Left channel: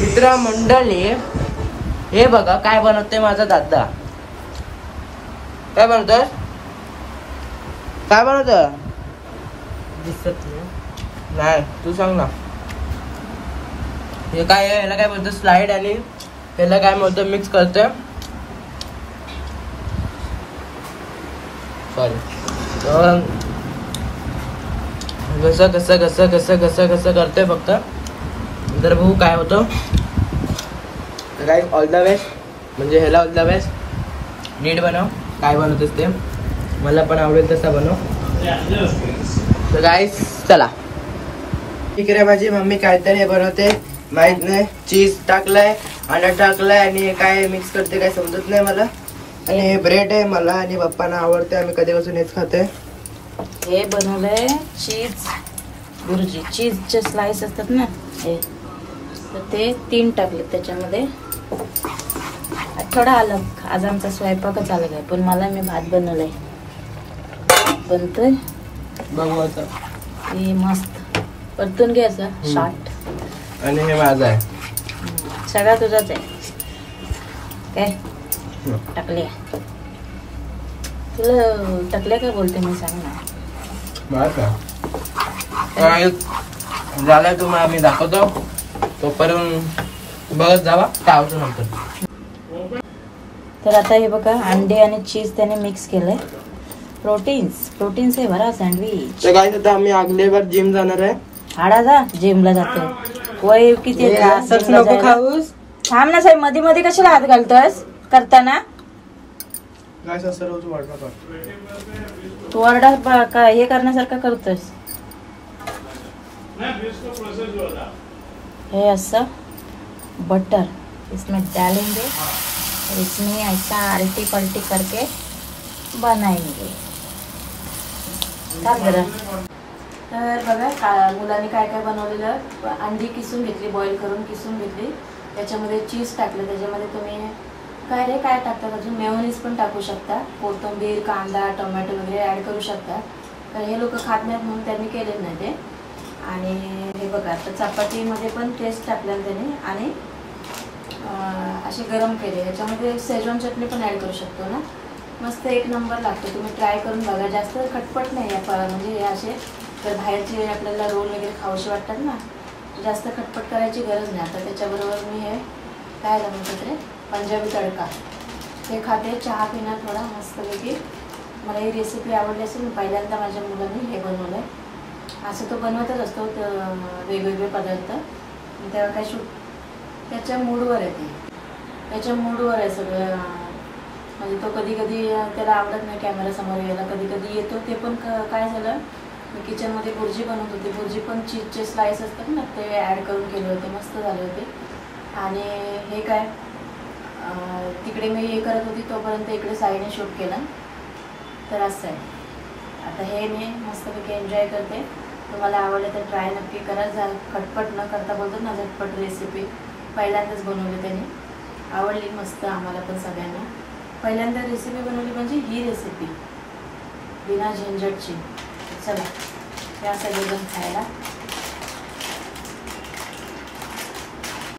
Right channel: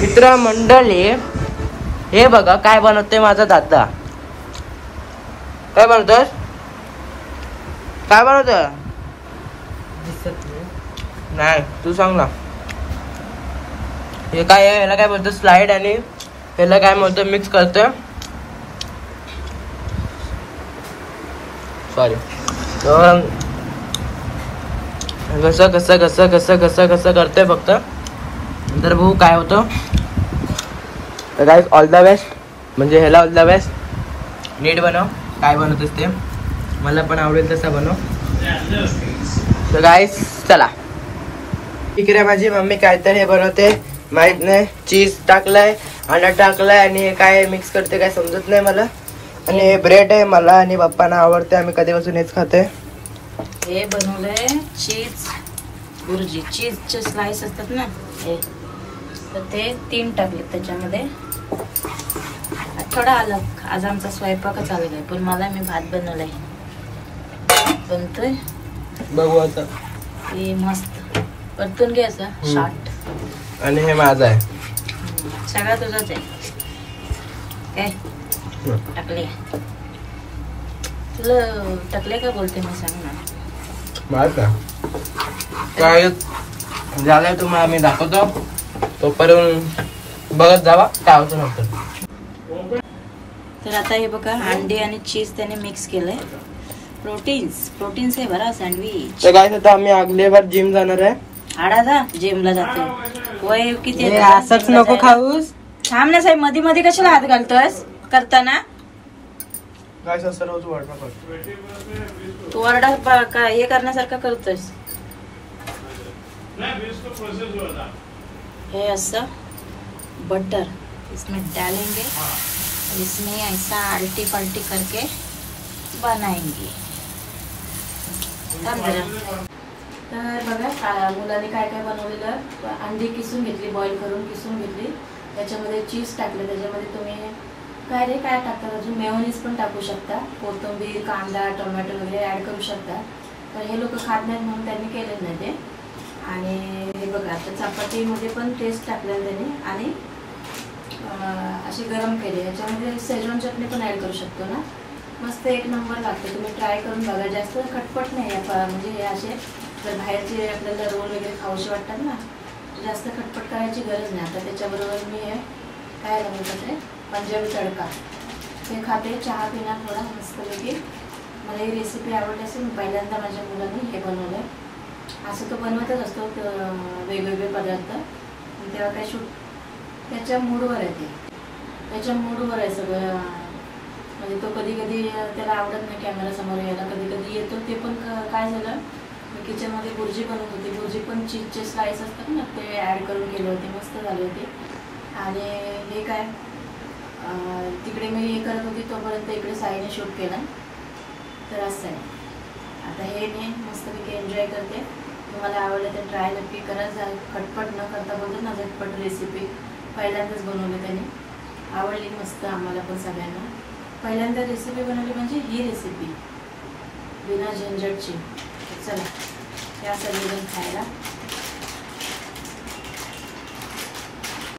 मित्र मंडळी, हे बघा काय बनवते माझा दादा. काय बनवतोय? काय बनवतोय? दिसत नाही, तू सांग ना. हे काय आहे? याला काय बोलतो? स्लाइड. आणि याला काय बोलतो? मिक्स करतोय. सॉरी. तर कसं कसं कसं कसं कसं कसं करतोय फक्त. नंतर बघू काय होतं. तर गाईस, ऑल द बेस्ट. म्हणजे ह्याला ऑल द बेस्ट. नीट बनव. काय बनवतोस ते मला पण आवडेल तसं बनव. तर गाईस चला. इकडे माझी मम्मी काहीतरी बनवते, माहित नाही. चीज टाकलाय, अंडा टाकलाय आणि काय मिक्स करते काय समजत नाही मला. आणि ब्रेड आहे. मला आणि पप्पांना आवडते, आम्ही कधीपासून हेच खाते. हे बनवलंय चीज भुर्जी. चीजचे स्लाइस असतात ना ते 3 टाकले त्याच्यामध्ये. थोडा अलग. आज आमचा स्वयंपाकच अलग आहे, पण मला मी भात बनवलाय. बनतोय बघू आता. हे मस्त परतून घ्यायचं शार्ट. आणि हे माझं आहे. सगळा तुझाच आहे. काय टाकले? तुला टाकले का बोलते मी? सांग ना. काय झालंय तुम्हाला आम्ही दाखवतो. तोपर्यंत बघत जावा काय होतं नंतर. तर आता हे बघा, अंडे आणि चीज त्याने मिक्स केलंय. प्रोटीन्स आहे बरा सँडविच. तर काय आता आम्ही अगली बार जिम जाणार आहे. हाडा जा जिमला जातो. वय किती? असंच नको खाऊस. थांब ना साहेब, मध्ये मध्ये कशाला हात घालतोस करताना? तू ऑर्डर काय हे करण्यासारखं करतोस. हे असं बटर इसमें डालेंगे, इसमें ऐसा आल्टी पलटी करके बनाएंगे. तर बघा मुलाने काय काय बनवलेलं. अंडी किसून घेतली, बॉईल करून किसून घेतली. त्याच्यामध्ये चीज टाकलं. त्याच्यामध्ये तुम्ही काय टाकतात अजून? मेयोनीज पण टाकू शकता. कोथिंबीर, कांदा, टोमॅटो वगैरे ऍड करू शकता. तर हे लोक खात नाहीत म्हणून त्यांनी केलेलं नाही ते. आणि हे बघा, आता चपातीमध्ये पण टेस्ट टाकला त्याने. आणि असे गरम केले. ह्याच्यामध्ये शेजवान चटणी पण ऍड करू शकतो ना. मस्त एक नंबर लागतो. तुम्ही ट्राय करून बघा. जास्त खटपट नाही आहे. म्हणजे हे असे तर बाहेरचे आपल्याला रोल वगैरे खाऊशी वाटतात ना, जास्त खटपट करायची गरज नाही. आता त्याच्याबरोबर मी हे काय बनवतात ते पंजाबी तडका हे खाते. चहा पिणार थोडा मस्तपैकी. मला ही रेसिपी आवडली असेल. मी पहिल्यांदा माझ्या मुलांनी हे बनवलंय. असं तो बनवतच असतो वेगवेगळे पदार्थ. तेव्हा काय त्याच्या मूडवर आहे. त्याच्या मूडवर आहे सगळं. म्हणजे तो कधी कधी त्याला आवडत नाही कॅमेरा समोर यायला, कधी कधी येतो. ते पण काय झालं, मी किचनमध्ये भुर्जी बनवत होती. भुर्जी पण चीजचे स्लाइस असतात ना, ते ॲड करून केले होते. मस्त झाले होते. आणि हे काय तिकडे मी हे करत होती तोपर्यंत इकडे साईने शूट केला. तर असं आहे. आता हे मी मस्तपैकी एन्जॉय करते. तुम्हाला आवडले तर ट्राय नक्की करा. खटपट न करता बोलतो ना, झटपट रेसिपी पहिल्यांदाच बनवली त्याने. आवडली मस्त आम्हाला पण सगळ्यांना. पहिल्यांदा रेसिपी बनवली म्हणजे ही रेसिपी बिना झंझटची. चला या सगळेजण खायला.